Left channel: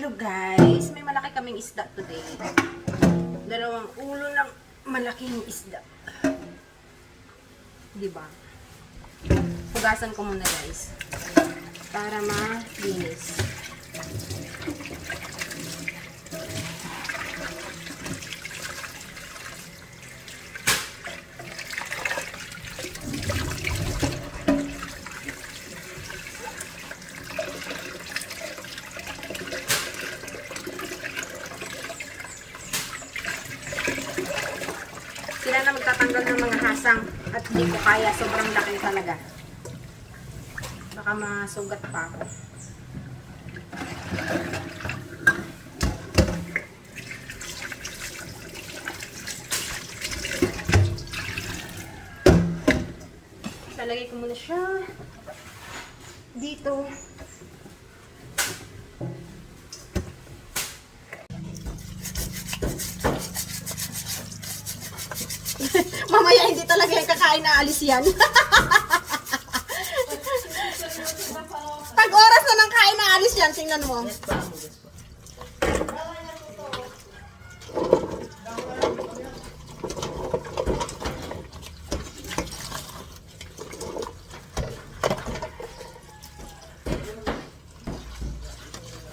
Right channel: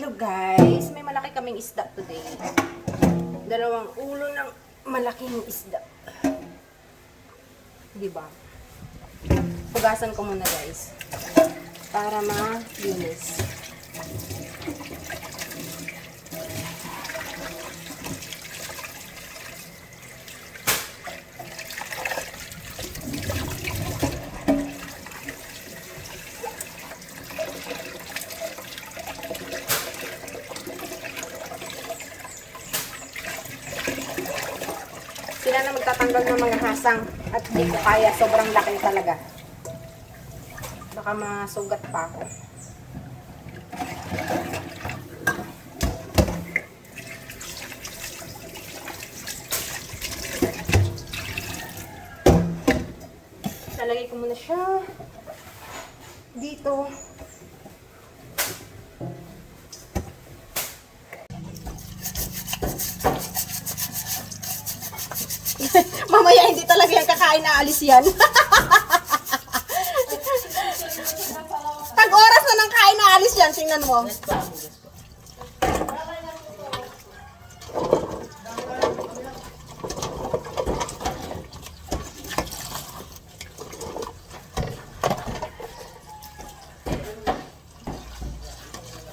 Hello guys, may malaki kaming isda today. Dalawang ulo ng malaking isda. Diba? Hugasan ko muna guys. Para malinis. Sila na magtatanggal ng mga hasang at di ko kaya, sobrang laki talaga. Baka masugat pa ako. Lalagay ko muna siya dito. Mamaya hindi talaga yung kakain na alis yan. Pag oras na ng kain na alis yan, tingnan mo.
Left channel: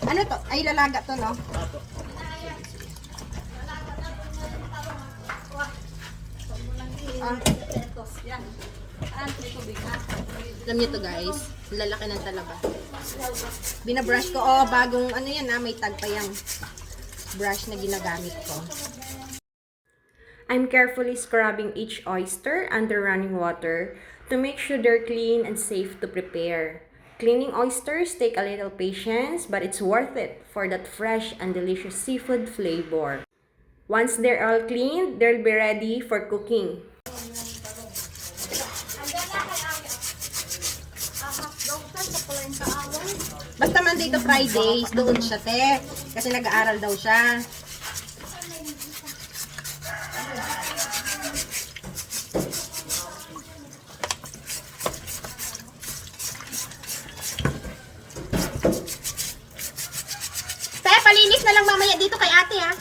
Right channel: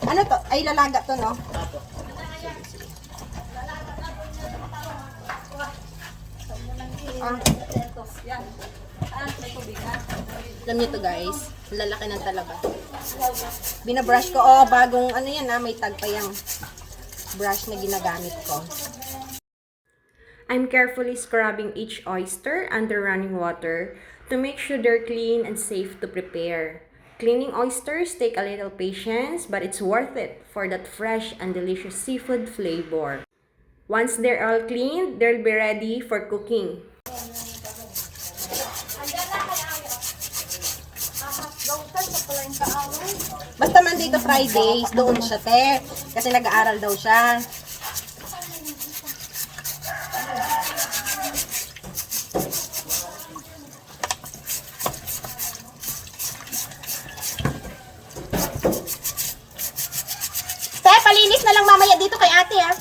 Ano to? Ay, lalaga to, no? Alam niyo to guys, lalaki ng talaba. Binabrush ko, bagong ano yan may tag pa yung brush na ginagamit ko. I'm carefully scrubbing each oyster under running water to make sure they're clean and safe to prepare. Cleaning oysters take a little patience, but it's worth it for that fresh and delicious seafood flavor. Once they're all cleaned, they'll be ready for cooking. Basta Monday to Friday, doon siya, te. Kasi nag-aaral daw siya. Te, palinis na lang mamaya dito kay ate, ha.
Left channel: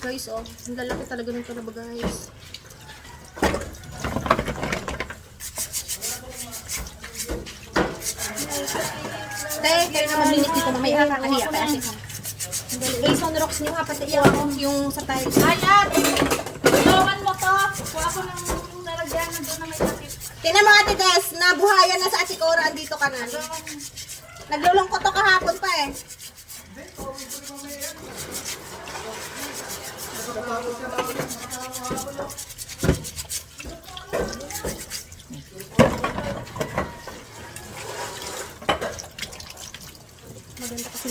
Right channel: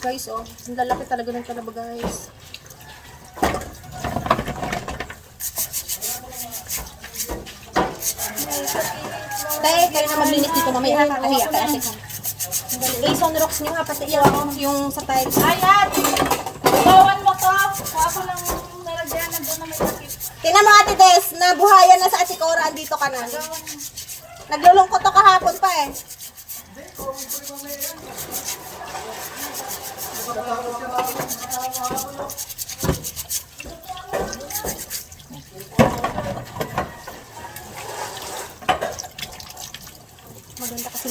Guys, ang lalaki talaga ng talaba, guys. Dahil kayo na maglinis dito mamaya, nakakahiya kay ate ko. Ason rocks nyo nga, pati yung sa tiles. Ayan! Gawan mo to! Kuha ko ng nalagyan na doon na may sakit. Tingnan mo ate Des, nabuhayan na sa ate Cora, andito ka na. Naglulungkot to kahapon pa eh. Maganda kasi